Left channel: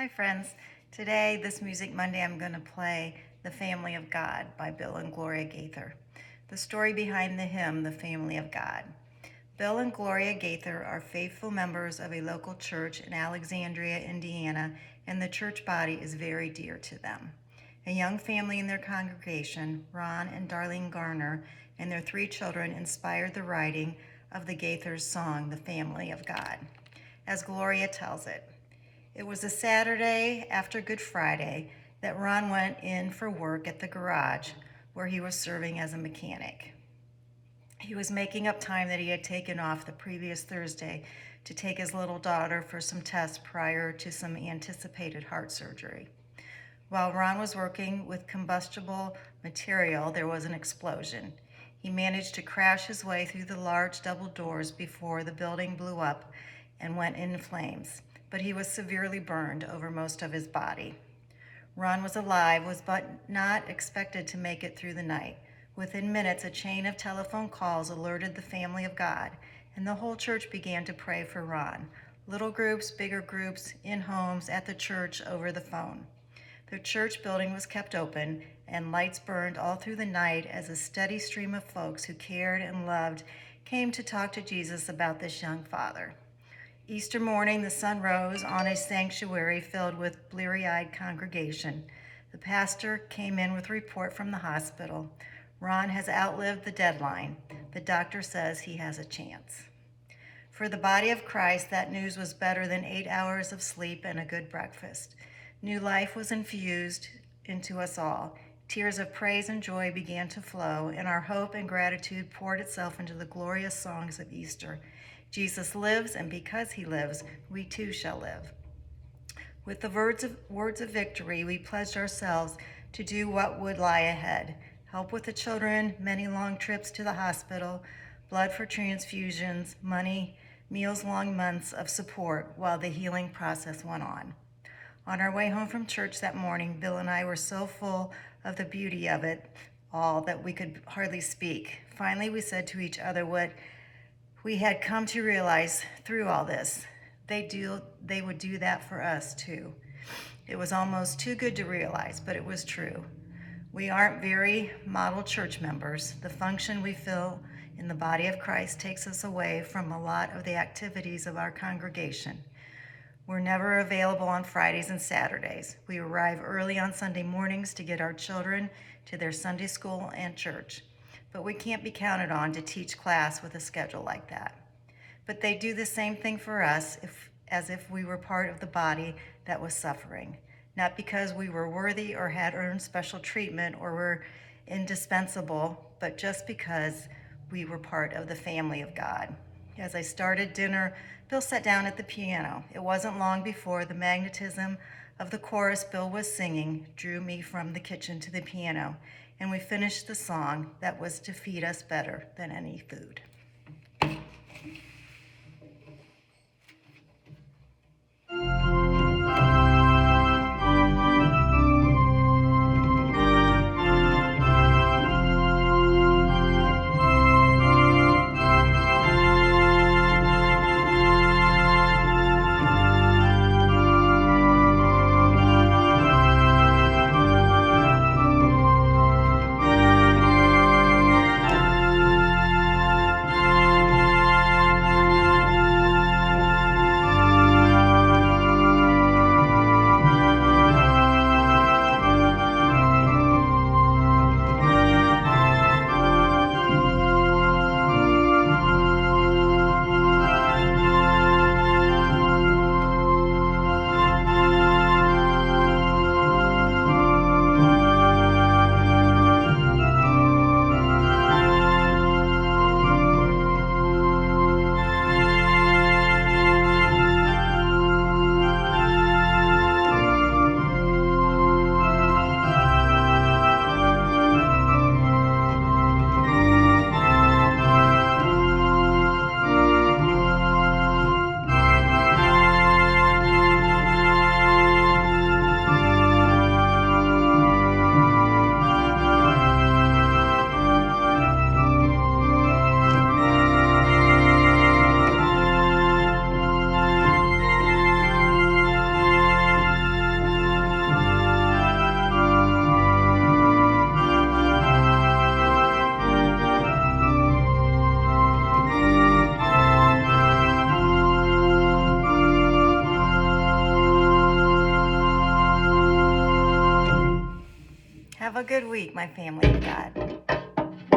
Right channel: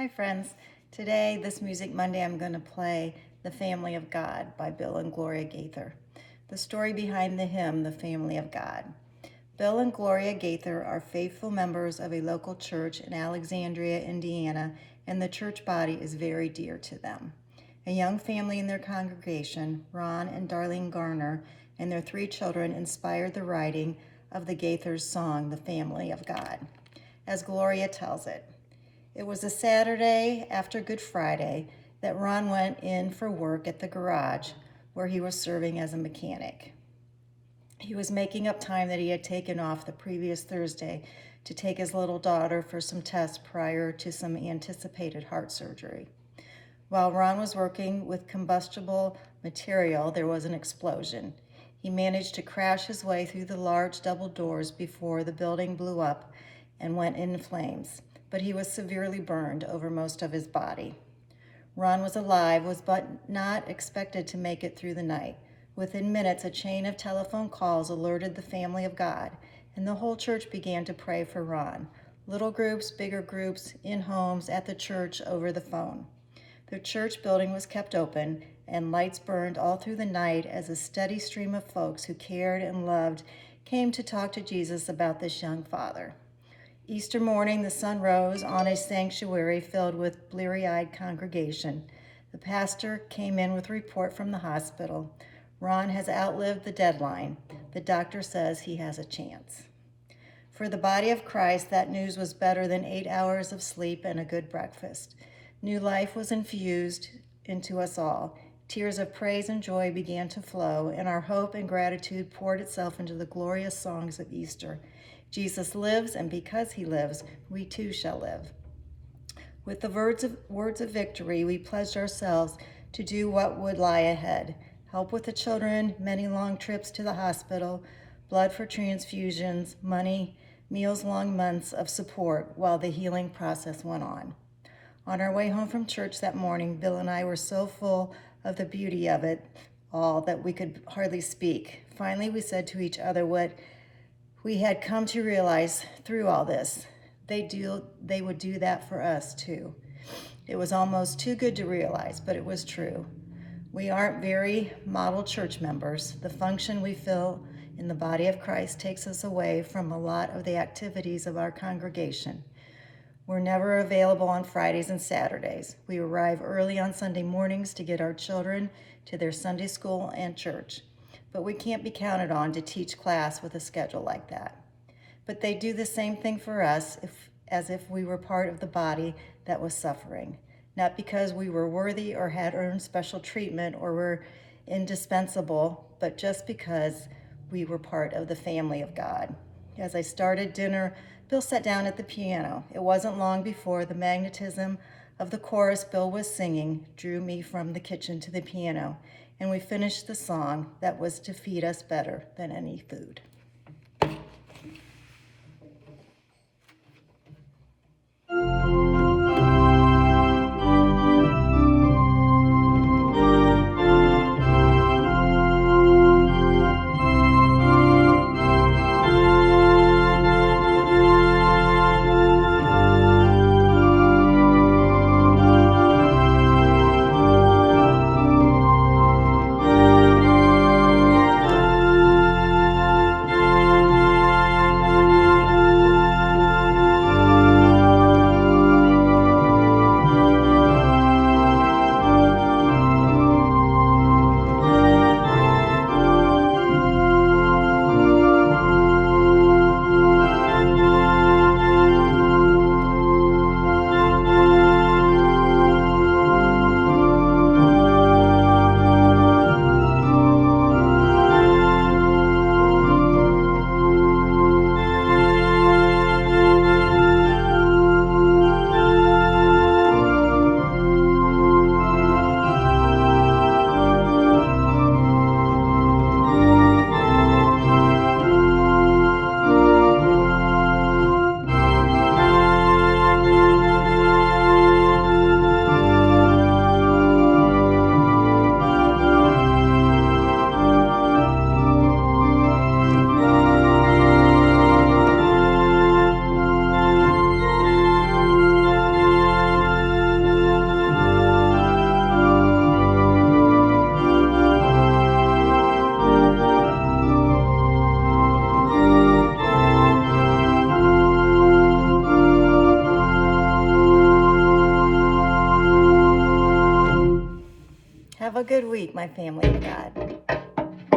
Hi friends. Today, this Music Monday, I'm going to play The Family of God by Bill and Gloria Gaither. The story behind the hymn, The Family of God. Bill and Gloria Gaither are faithful members of a local church in Alexandria, Indiana, and the church body is very dear to them. A young family in their congregation, Ron and Darlene Garner, and their 3 children inspired the writing of the Gaithers' song, The Family of God. As Gloria tells it, it was a Saturday after Good Friday that Ron went in for work at the garage where he was serving as a mechanic. He was making up time that he had taken off the previous Thursday to take his little daughter for some tests prior to some anticipated heart surgery. While Ron was working with combustible material, there was an explosion. He managed to crash his way through the large double doors before the building blew up and went in flames, but he was severely burned over most of his body. Ron was alive, but not expected to make it through the night. Within minutes, a chain of telephone calls alerted the family of God, and the whole church began to pray for Ron. Little groups, bigger groups, in homes, at the church, over the phone. The church building was kept open, and lights burned all through the night as a steady stream of folks who cared and loved came to talk to Jesus about this young father. Easter morning, the sun rose on a sanctuary filled with bleary-eyed congregation. The pastor came in with a report from the hospital. Ron has outlived the deadline. The doctor says he has a chance. For the body of Christ, that news was better than 8 hours of sleep and a good breakfast. New life was infused into us all. Tears of praise and joy began to flow, and our hope and gratitude poured itself into the glorious songs of Easter. Jesus lives, and because he lives, we too shall live. With the words of victory, we pledged ourselves to do what would lie ahead. Help with the children, many long trips to the hospital, blood for transfusions, money, meals, long months of support while the healing process went on. On our way home from church that morning, Bill and I were so full of the beauty of it all that we could hardly speak. Finally, we said to each other what we had come to realize through all this. They would do that for us too. It was almost too good to realize, but it was true. We aren't very model church members. The function we fill in the body of Christ takes us away from a lot of the activities of our congregation. We're never available on Fridays and Saturdays. We arrive early on Sunday mornings to get our children to their Sunday school and church. But we can't be counted on to teach class with a schedule like that. But they do the same thing for us as if we were part of the body that was suffering. Not because we were worthy or had earned special treatment or were indispensable, but just because we were part of the family of God. As I started dinner, Bill sat down at the piano. It wasn't long before the magnetism of the chorus Bill was singing drew me from the kitchen to the piano, and we finished the song that was to feed us better than any food. Have a good week, my family of God.